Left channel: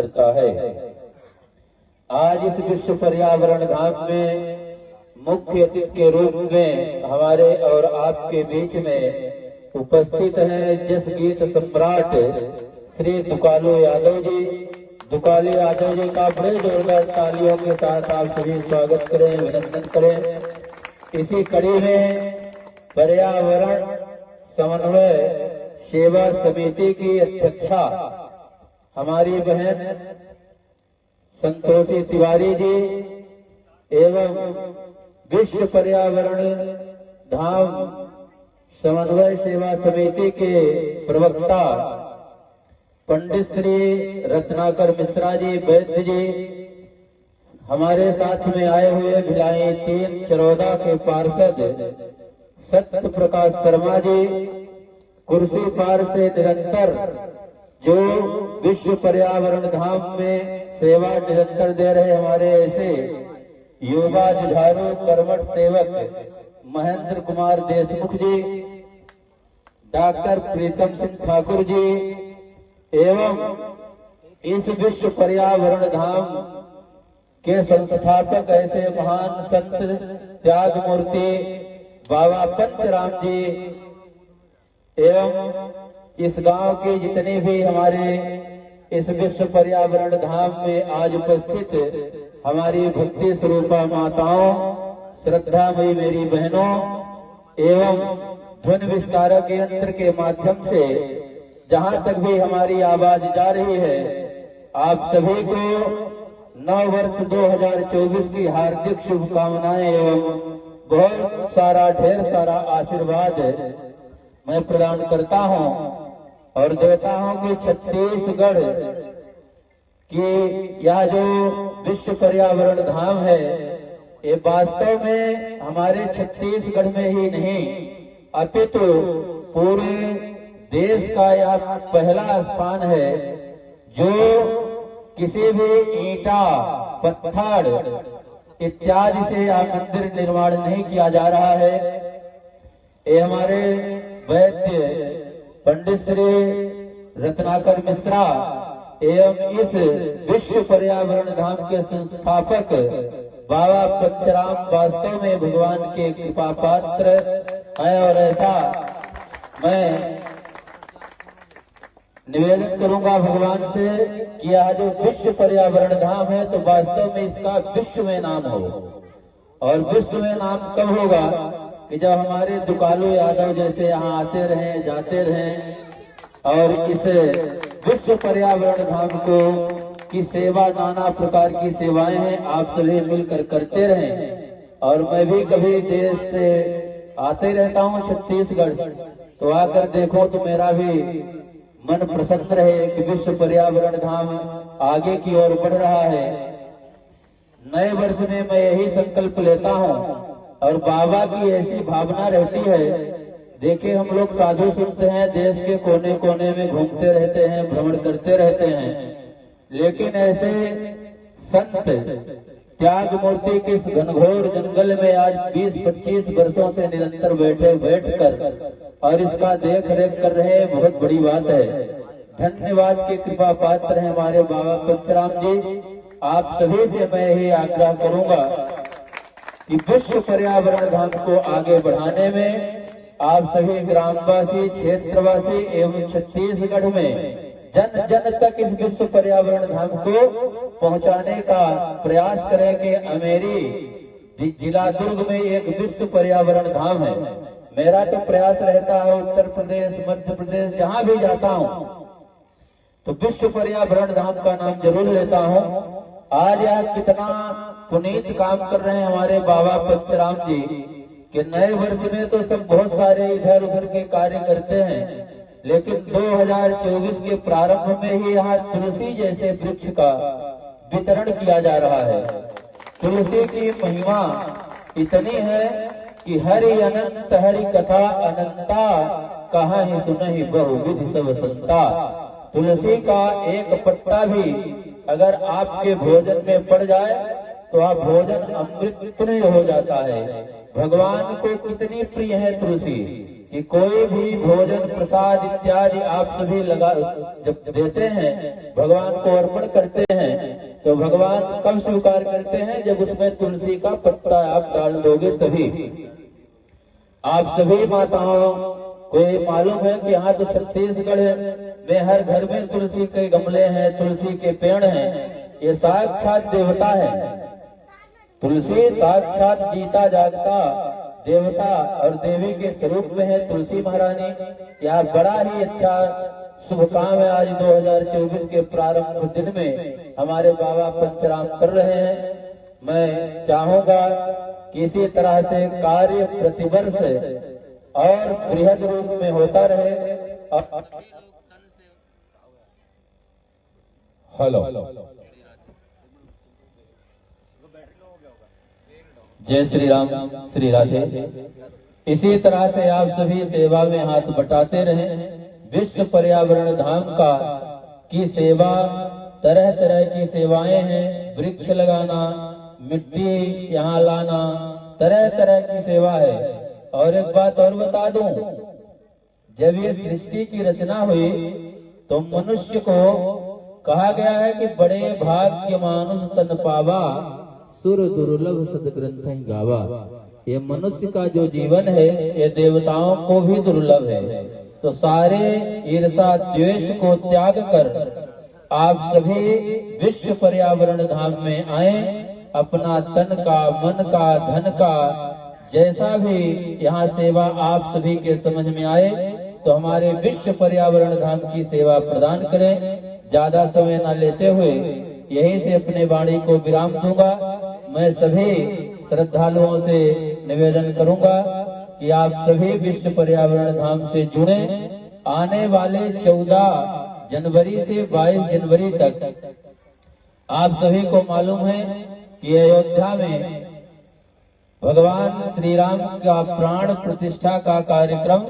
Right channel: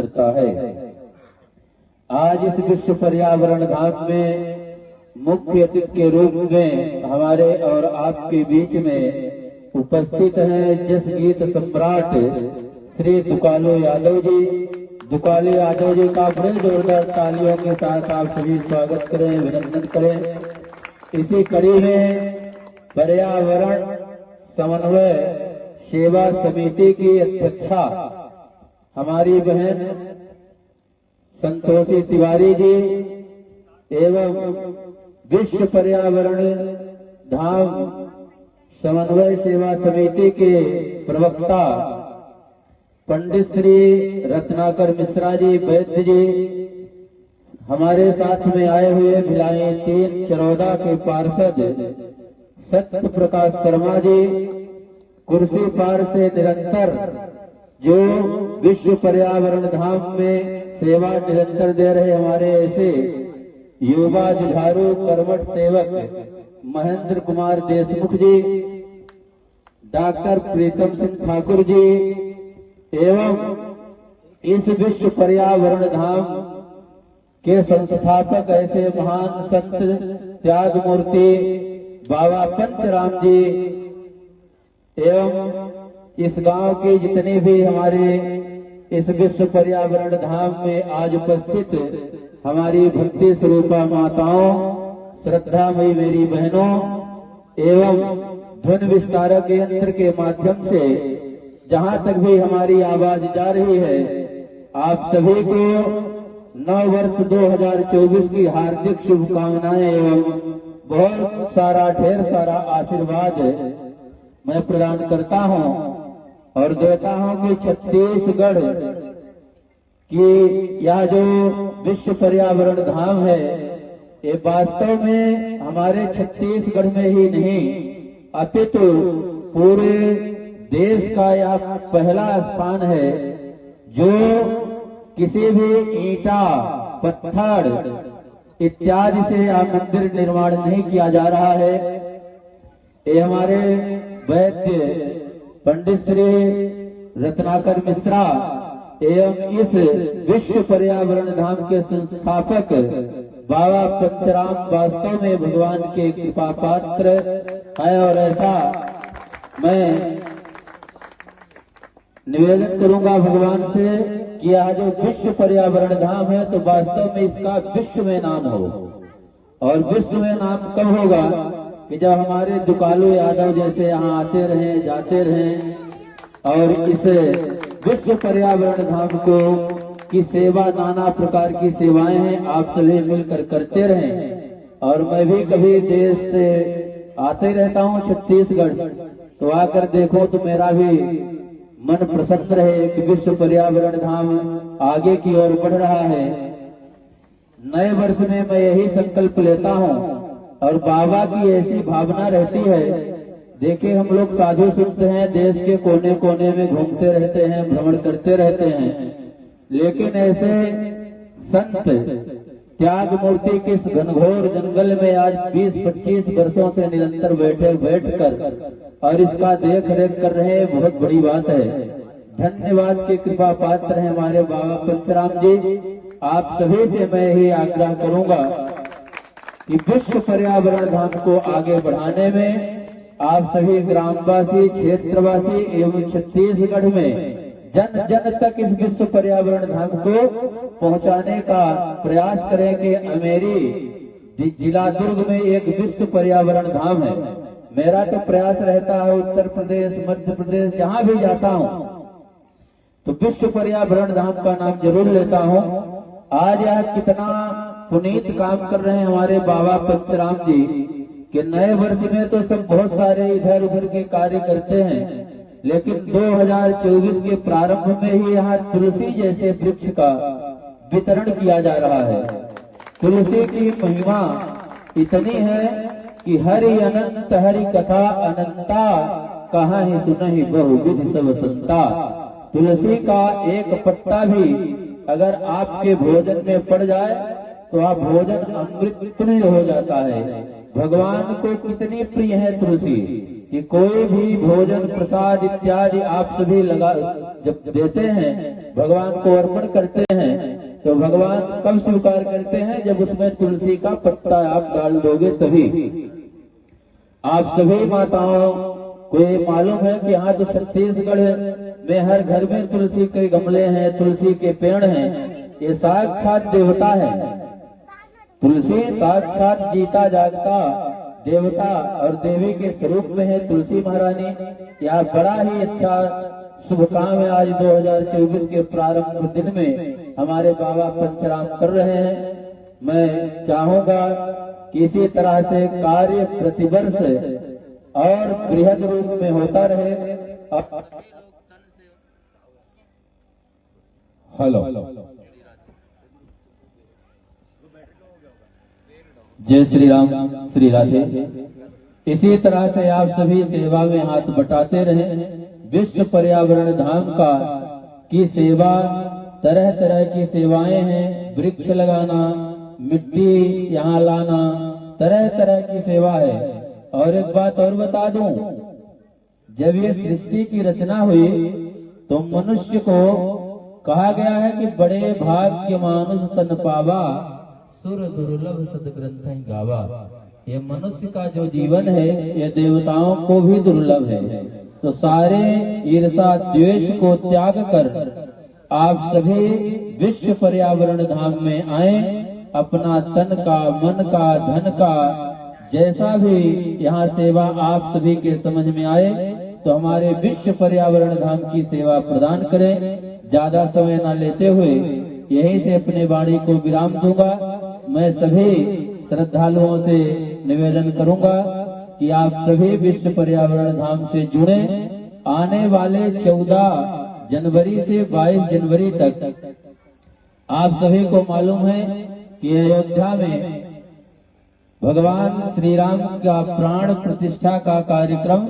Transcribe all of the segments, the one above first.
करता है। आज इस विश्व पर्यावरण धाम में मुख्य अतिथि के रूप में हमारे और आपके बीच में उपस्थित है जस गीत सम्राट श्री दुकालो यादव जी। दुकालो यादव जी का बड़े जोरदार तालियों के साथ आप सभी स्वागत करें, अभिनंदन करें। इसी कड़ी में पर्यावरण समन्वय सेवा समिति की अध्यक्षा हमारी बहन संतोषी तिवारी जी एवं विश्व पर्यावरण धाम समन्वय सेवा समिति के प्रवक्ता पंडित श्री रत्नाकर मिश्रा जी वैद्य जी, हमारे साथ में आए हुए भिलाई 3 चरौदा के पार्षद सत्य प्रकाश शर्मा जी, कुर्सी पार से निरंतर जो विश्व पर्यावरण धाम में सेवा निरंतर दे रहे हमारे ऐसे युवा जुझारू कर्मठ सेवक महेंद्र कुमार देशमुख जी, डॉक्टर प्रीतम सिंह ठाकुर जी एवं इस विश्व पर्यावरण धाम के संस्थापक ऐसे महान संत त्याग मूर्ति बाबा पंचराम जी एवं इस गांव की जितनी भी हमारे इस विश्व पर्यावरण धाम में आज उपस्थित हमारी भक्ति स्वरूपा माताओं, श्रद्धामयी मेरी बहनों एवं ध्वनि विस्तारक यंत्र के माध्यम से जहां तक भी हमारी आवाज जा रही है, आप सभी को नव वर्ष 2024 की हार्दिक शुभकामनाएं एवं बहुत सारा ढेर सारा आशीर्वाद मैं प्रदान करता हूं और देता हूं कि छत्तीसगढ़ की यह जो विश्व पर्यावरण धाम है, ये वास्तव में हमारे छत्तीसगढ़ में ही नहीं अपितु पूरे देश का यह पहला स्थान है जो किसी भी ईंटा पत्थर इत्यादि से यह मंदिर निर्माण नहीं किया जा रहा है। ये हमारे वैद्य पंडित श्री रत्नाकर मिश्रा एवं इस विश्व पर्यावरण धाम के संस्थापक बाबा पंचराम वास्तव में भगवान के कृपा पात्र हैं और ऐसा मैं निवेदन करूंगा भगवान से कि यह जो विश्व पर्यावरण धाम है तो वास्तव में इसका विश्व में नाम हो। और विश्व में नाम कब होगा कि जब हमारे दुकालो यादव जैसे यहाँ आते रहे जाते रहे और इस विश्व पर्यावरण धाम को की सेवा नाना प्रकार की सेवाएं हैं आप सभी मिलकर करते रहे। और मैं भी कभी देश से आते रहता हूँ छत्तीसगढ़, तो आकर देखो तो मेरा भी मन प्रसन्न रहे कि विश्व पर्यावरण धाम आगे की ओर बढ़ रहा है। नए वर्ष में मैं यही संकल्प लेता हूँ और बाबा की ऐसी भावना रहती है। देखिए हम लोग साधु संत हैं, देश के कोने कोने में घूमते रहते हैं, भ्रमण करते रहते हैं, लेकिन ऐसे संत त्याग मूर्ति के इस घनघोर जंगल में आज 20-25 वर्षों से निरंतर बैठकर और इसका देख रेख कर रहे हैं, बहुत बड़ी बात है। धन्यवाद के कृपा पात्र हैं हमारे बाबा पंचराम जी। आप सभी से मैं यही आग्रह करूंगा कि विश्व पर्यावरण धाम को आगे बढ़ाने में आप सभी ग्रामवासी, क्षेत्रवासी एवं छत्तीसगढ़ में जन जन तक इस विश्व पर्यावरण धाम को पहुंचाने का प्रयास करें कि अमेरी जिला दुर्ग में एक विश्व पर्यावरण धाम है। मेरा तो प्रयास रहता है उत्तर प्रदेश, मध्य प्रदेश जहां भी जाता हूं तो विश्व पर्यावरण धाम का नाम जरूर लेता हूं। आज यह कितना पुनीत काम कर रहे हैं हमारे बाबा पंचराम जी कि नए वर्ष में तो सब बहुत सारे इधर उधर के कार्य करते हैं, लेकिन 2024 के प्रारंभ में ही यहाँ तुलसी जैसे वृक्ष का वितरण किया जा रहा है। तुलसी की महिमा इतनी है कि हरि अनंत हरि कथा अनंता कहाँ ही सुनहि बहुविधि सब संता। तुलसी का एक पत्ता भी अगर आपके भोजन में पड़ जाए तो आप भोजन अमृत तुल्य हो जाता है। भगवान को कितनी प्रिय है तुलसी कि कोई भी भोजन प्रसाद इत्यादि आप सभी लगा जब देते हैं, भगवान को अर्पण करते भगवान कब स्वीकार करते हैं? जब उसमें तुलसी का पत्ता आप डाल दोगे तभी। आप सभी माताओं को ये मालूम है कि यहाँ तो छत्तीसगढ़ में हर घर में तुलसी के गमले हैं, तुलसी के पेड़ हैं। ये साक्षात देवता है। तुलसी साक्षात जीता जागता देवता और देवी के स्वरूप में है तुलसी महारानी। यह बड़ा ही अच्छा शुभ काम है। आज 2024 के प्रारंभ दिन में हमारे बाबा पंचराम कर रहे हैं। मैं चाहूंगा कि इसी तरह से कार्य प्रतिवर्ष और बृहद रूप में होता रहे। और हेलो, जय श्री राम, श्री राधे। इसी तरह से आप सभी सेवा में हाथ बटाते रहें। विश्व पर्यावरण धाम का की सेवा, तरह तरह की सेवाएं हैं। वृक्ष लगाना, मिट्टी यहाँ लाना, तरह तरह की सेवा है। और एक बात और बता दूं, जब ये सृष्टि की रचना हुई तो मनुष्य को कहा गया है कि बड़े भाग्य मानुष तन पावा, सुर दुर्लभ सदग्रंथ गावा। ये मनुष्य का जो जीवन है ये देवताओं को भी दुर्लभ है। तो सारे ईर्षा द्वेष को त्याग कर आप सभी विश्व पर्यावरण धाम में आए। अपना तन का, मन का, धन का जैसा भी यहाँ सेवा आप सभी के समझ में आए तो हमारे विश्व पर्यावरण धाम की सेवा प्रदान करें। ज्यादा समय न लेते हुए यहीं से अपने वाणी को विराम दूंगा। मैं सभी श्रद्धालुओं से निवेदन करूंगा कि आप सभी विश्व पर्यावरण धाम से जुड़े। आने वाले 14 जनवरी से 22 जनवरी तक आप सभी को मालूम है कि अयोध्या में भगवान श्री राम का प्राण प्रतिष्ठा का कार्यक्रम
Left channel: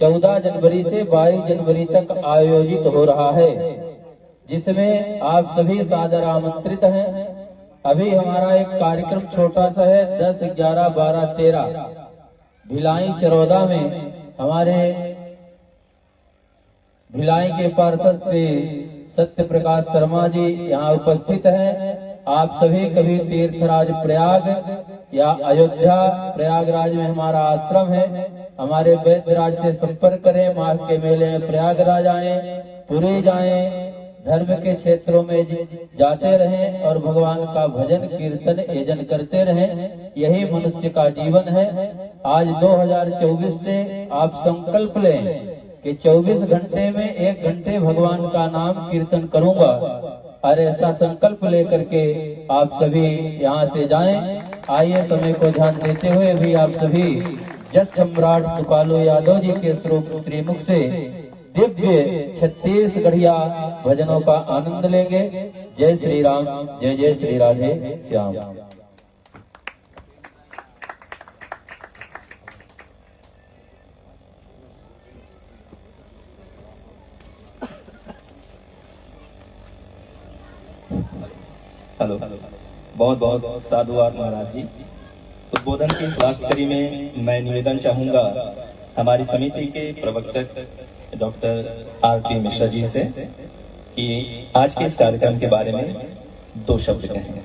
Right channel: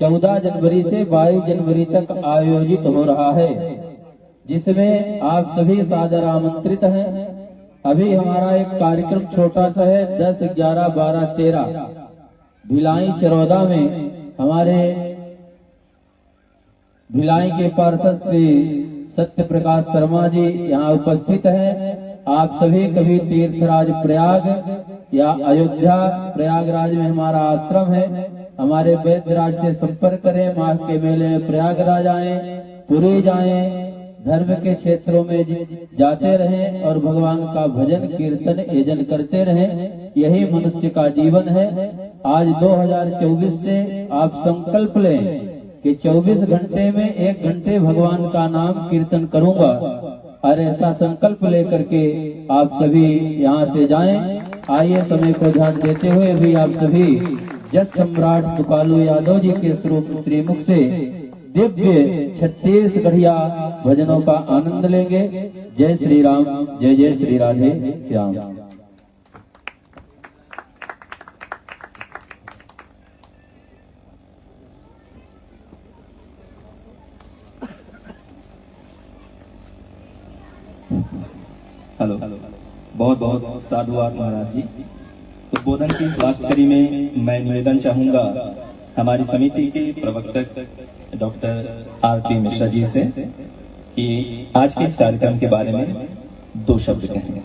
14 जनवरी से 22 जनवरी तक आयोजित हो रहा है, जिसमें आप सभी सादर आमंत्रित हैं। अभी हमारा एक कार्यक्रम छोटा सा है, 10, 11, 12, 13 भिलाई चरौदा में हमारे भिलाई के पार्षद श्री सत्य प्रकाश शर्मा जी यहाँ उपस्थित हैं। आप सभी कभी तीर्थराज प्रयाग या अयोध्या प्रयागराज में हमारा आश्रम है, हमारे वैद्यराज से संपर्क करें। माघ के मेले में प्रयागराज आए, पुरी जाएं, धर्म के क्षेत्रों में जाते रहें और भगवान का भजन कीर्तन यजन करते रहें। यही मनुष्य का जीवन है। आज 2024 से आप संकल्प लें कि 24 घंटे में 1 घंटे भगवान का नाम कीर्तन करूंगा। और ऐसा संकल्प लेकर के आप सभी यहाँ से जाएं। आइए समय को ध्यान देते हुए भी आप सभी जस सम्राट तुकालू यादव जी के श्रीमुख से दिव्य 36 बढ़िया भजनों का आनंद लेंगे। जय श्री राम, जय जय श्री राधे श्याम। हेलो, बहुत बहुत साधुवाद महाराज जी। उद्बोधन की खास कड़ी में मैं निवेदन चाहूंगा हमारी समिति के प्रवक्ता डॉक्टर आरती मिश्रा जी से कि आज के इस कार्यक्रम के बारे में 2 शब्द कहें।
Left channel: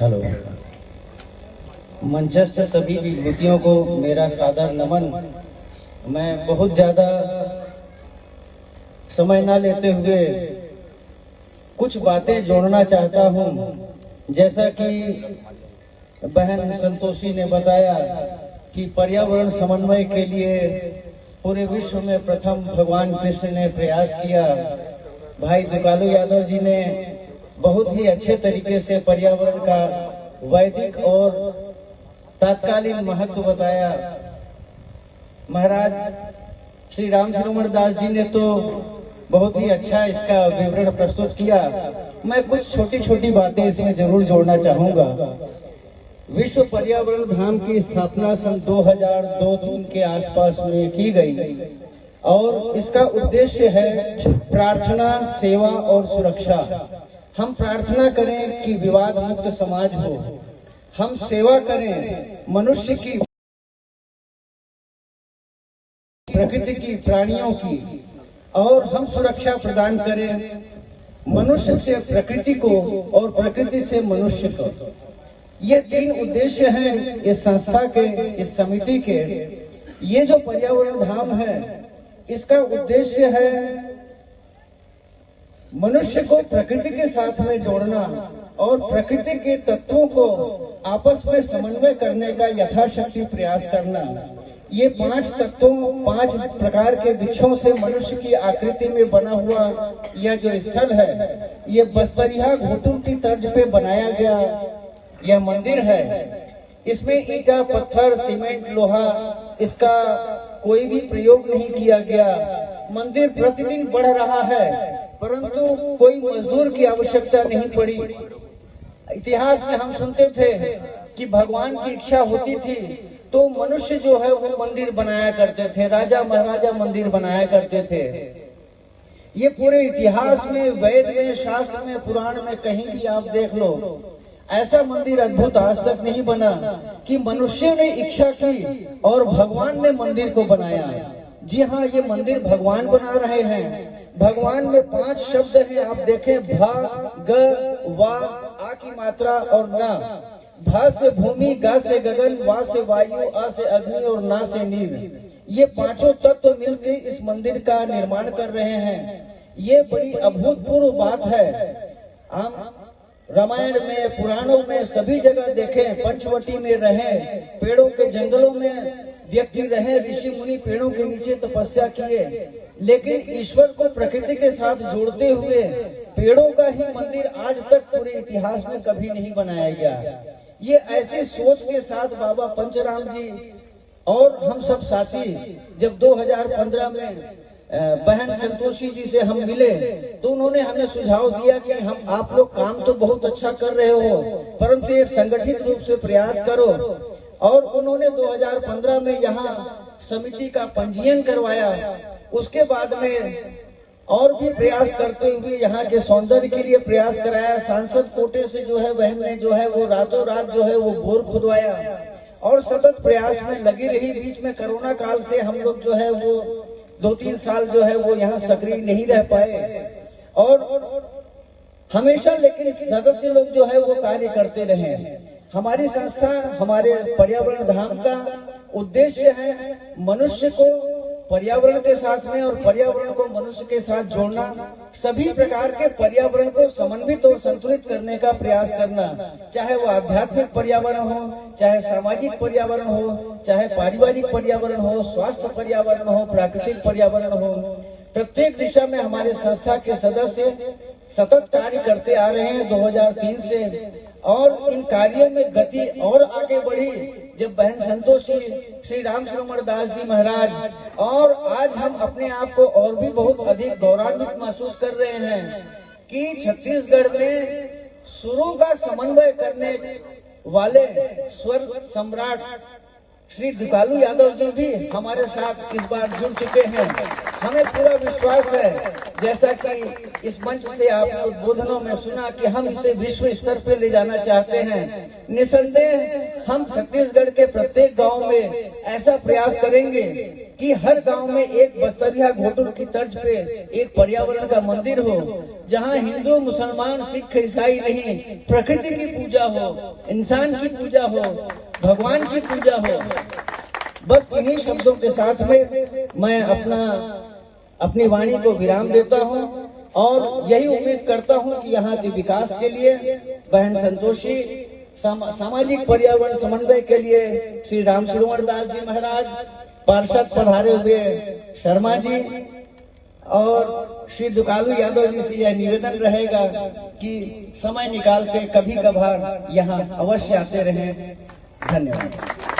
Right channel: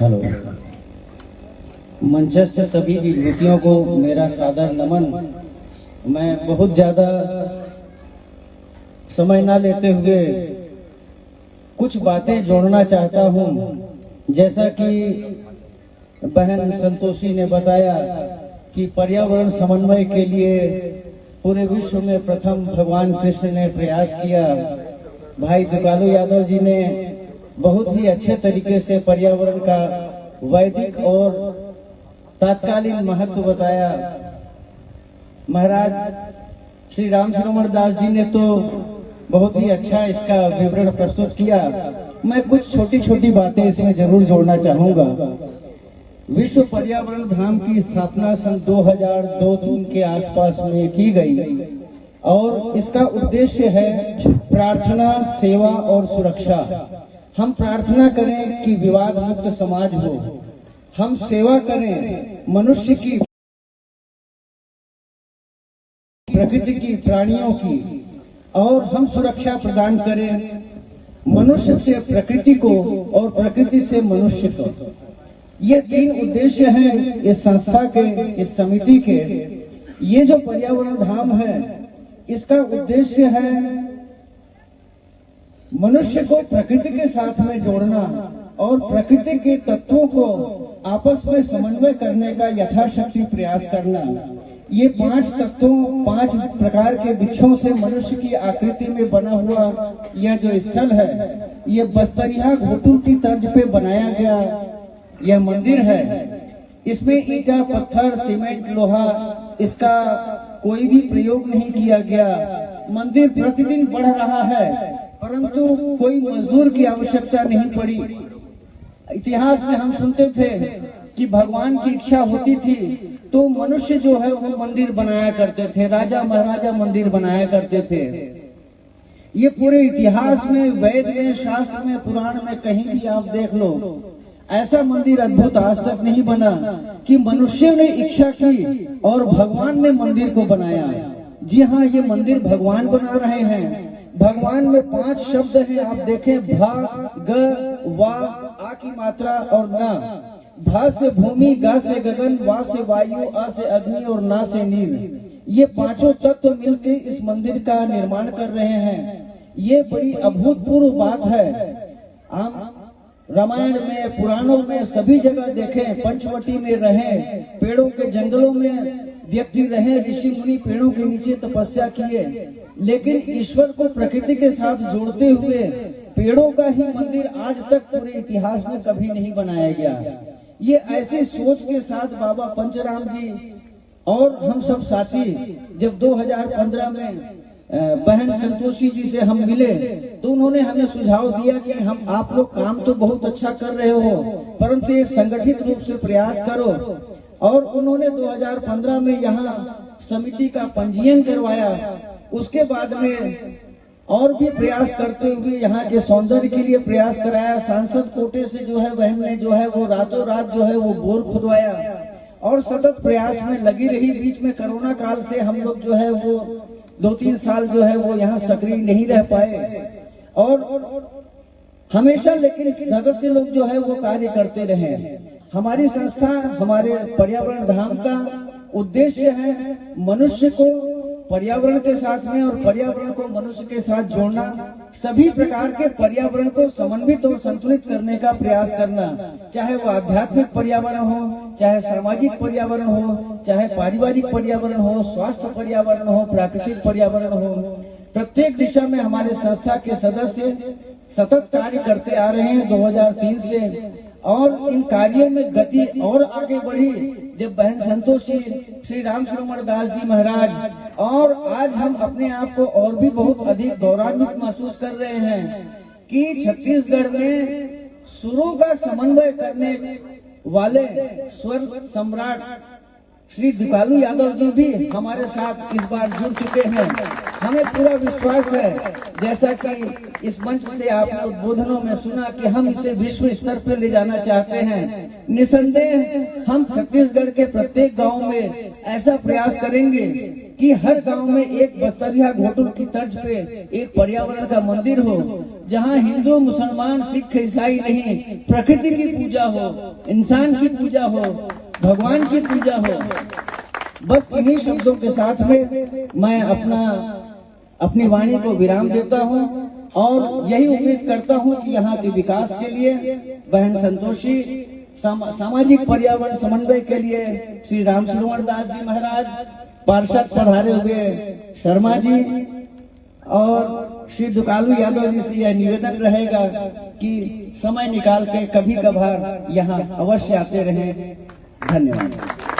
हेलो, मंचस्थ सभी विभूतियों को मेरा सादर नमन। मैं बहुत ज्यादा समय न लेते हुए कुछ बातें जोड़ना चाहता हूं। जैसा कि बहन संतोषी ने बताया कि पर्यावरण समन्वय के लिए पूरे विश्व में प्रथम भगवान कृष्ण ने प्रयास किया। भाई तुकालू यादव जी ने बहुत ही अच्छे तरीके से पर्यावरण का वैदिक और तात्कालिक महत्व बताया। महाराज श्री राम श्रवण दास जी ने तो बहुत ही अच्छा इसका विवरण प्रस्तुत किया। मैं कुछ छोटी छोटी बातें इसमें जरूर जोड़ना चाहूंगा। विश्व पर्यावरण धाम की स्थापना सन 2002-3 के आसपास में की गई और इसका उद्देश्य है प्रार्थना, सेवा और सुरक्षा। हम प्रार्थना करें कि विवाद मुक्त समाज हो, हम सेवा करें मनुष्य की प्रकृति की, प्राणियों की, और हम सुरक्षा प्रदान करें मनुष्य से प्रकृति को और प्रकृति से मनुष्य को। ये 3 उद्देश्य हैं इस संस्था के, इस समिति के। ये जो पर्यावरण धाम है, इसका उद्देश्य है मनुष्य को प्रकृति के साथ में जोड़ना और प्रकृति के तत्वों को आपस में समन्वय करने का यथाशक्ति प्रयास करना। ये 5 तत्वों, 5 प्रकार के वृक्षों से मनुष्य की आकृति में बना हुआ यह जो स्थल है, ये बस्तरिया घोटुल की तर्ज पे बनाया गया यह मंदिर है। इसमें ईटा, पत्थर, सीमेंट, लोहा, इसका कोई भी प्रयोग नहीं किया गया। मंदिर प्रतिदिन बढ़ रहा है, परंतु कोई मजदूर की आवश्यकता नहीं पड़ी। इतिहास में हम सुनते थे कि भगवान की इच्छा होती थी तो मनुष्य जो है वो मंदिर बनाया करते थे, राजा महाराजा मंदिर बनाया करते थे। ये पूरे इतिहास में, वेद में, शास्त्र में, पुराण में कहीं भी आप देख लो, ऐसा मंदिर अद्भुत आज तक नहीं बना कि मनुष्य ने इच्छा की और भगवान ने मंदिर को बनाया। जी हाँ, ये मंदिर भगवान बना रहे हैं। भगवान में 5 शब्द हैं, आप देखें, भ, ग, वा, आ की मात्रा और ना। भ से भूमि, ग से गगन, वा से वायु, आ से अग्नि और ना से नील। ये 5 तत्व मिलकर इस मंदिर का निर्माण कर रहे हैं। ये बड़ी अभूतपूर्व बात है। हम रामायण में, पुराणों में सभी जगह देखें, पंचवटी में रहे, पेड़ों के जंगलों में व्यक्ति रहे, ऋषि मुनि पेड़ों के नीचे तपस्या किए, लेकिन ईश्वर को प्रकृति के साथ जोड़ते हुए पेड़ों का ही मंदिर आज तक पूरे इतिहास में कभी नहीं बनाया गया। ये ऐसी सोच के साथ बाबा पंचराम जी और हम सब साथी जब 2015 में बहन संतोषी जी से हम मिले तो उन्होंने हमें सुझाव दिया कि हम आप लोग काम तो बहुत अच्छा कर रहे हो, परंतु एक संगठित रूप से प्रयास करो। और उन्होंने 2015 में यहाँ समिति का पंजीयन करवाया। उसके बाद में और भी प्रयास करते हुए यहाँ के सौंदर्य के लिए प्रयास कराया। सांसद कोटे से जो है बहन ने जो है वो रातों रात जो है वो बोर खुदवाया और सतत प्रयास में लगी रही। बीच में कोरोना काल से हम लोग जो है वो 2-3 साल जो है वो यहाँ सक्रिय नहीं रह पाए और हमेशा लेकिन सदस्य लोग जो है वो कार्य करते रहे। हमारी संस्था, हमारे पर्यावरण धाम का उद्देश्य है मनुष्य को पर्यावरण के साथ में और पर्यावरण को मनुष्य के साथ जोड़ना, सभी प्रकार के पर्यावरण को समन्वित और संतुलित करने का प्रयास करना, चाहे वो आध्यात्मिक पर्यावरण हो, चाहे सामाजिक पर्यावरण हो, चाहे पारिवारिक पर्यावरण हो, स्वास्थ्य पर्यावरण हो, प्राकृतिक पर्यावरण हो। प्रत्येक दिशा में हमारे संस्था के सदस्य सतत कार्य करते आ रहे हैं 2003 से, और इन कार्यों में गति और आगे बढ़ी जब बहन संतोषी, श्री राम श्रवण दास जी महाराज, और आज हम अपने आप को और भी बहुत अधिक गौरवान्वित महसूस कर रहे हैं कि छत्तीसगढ़ में सुरों का समन्वय करने वाले स्वर सम्राट श्री दुकालू यादव जी भी हमारे साथ इस बार जुड़ चुके हैं। हमें पूरा विश्वास है, जैसा कि इस मंच से आपने उद्बोधनों में सुना, कि हम इसे विश्व स्तर पर ले जाना चाहते हैं। निसंदेह हम छत्तीसगढ़ के प्रत्येक गांव में ऐसा प्रयास करेंगे कि हर गांव में एक बस्तरिया घोटुल की तर्ज पे एक पर्यावरण का मंदिर हो, जहां हिंदू, मुसलमान, सिख, ईसाई नहीं, प्रकृति की पूजा हो, इंसान की पूजा हो, भगवान की पूजा हो। बस इन्हीं शब्दों के साथ में मैं अपनी वाणी को विराम देता हूं और यही उम्मीद करता हूं कि यहाँ के विकास के लिए बहन संतोषी, सामाजिक पर्यावरण समन्वय के लिए श्री राम श्रवण दास जी महाराज, पार्षद पधारे हुए शर्मा जी और श्री दुकालू यादव जी से यह निवेदन रहेगा कि समय निकाल के कभी कभार यहाँ अवश्य आते रहें। धन्यवाद।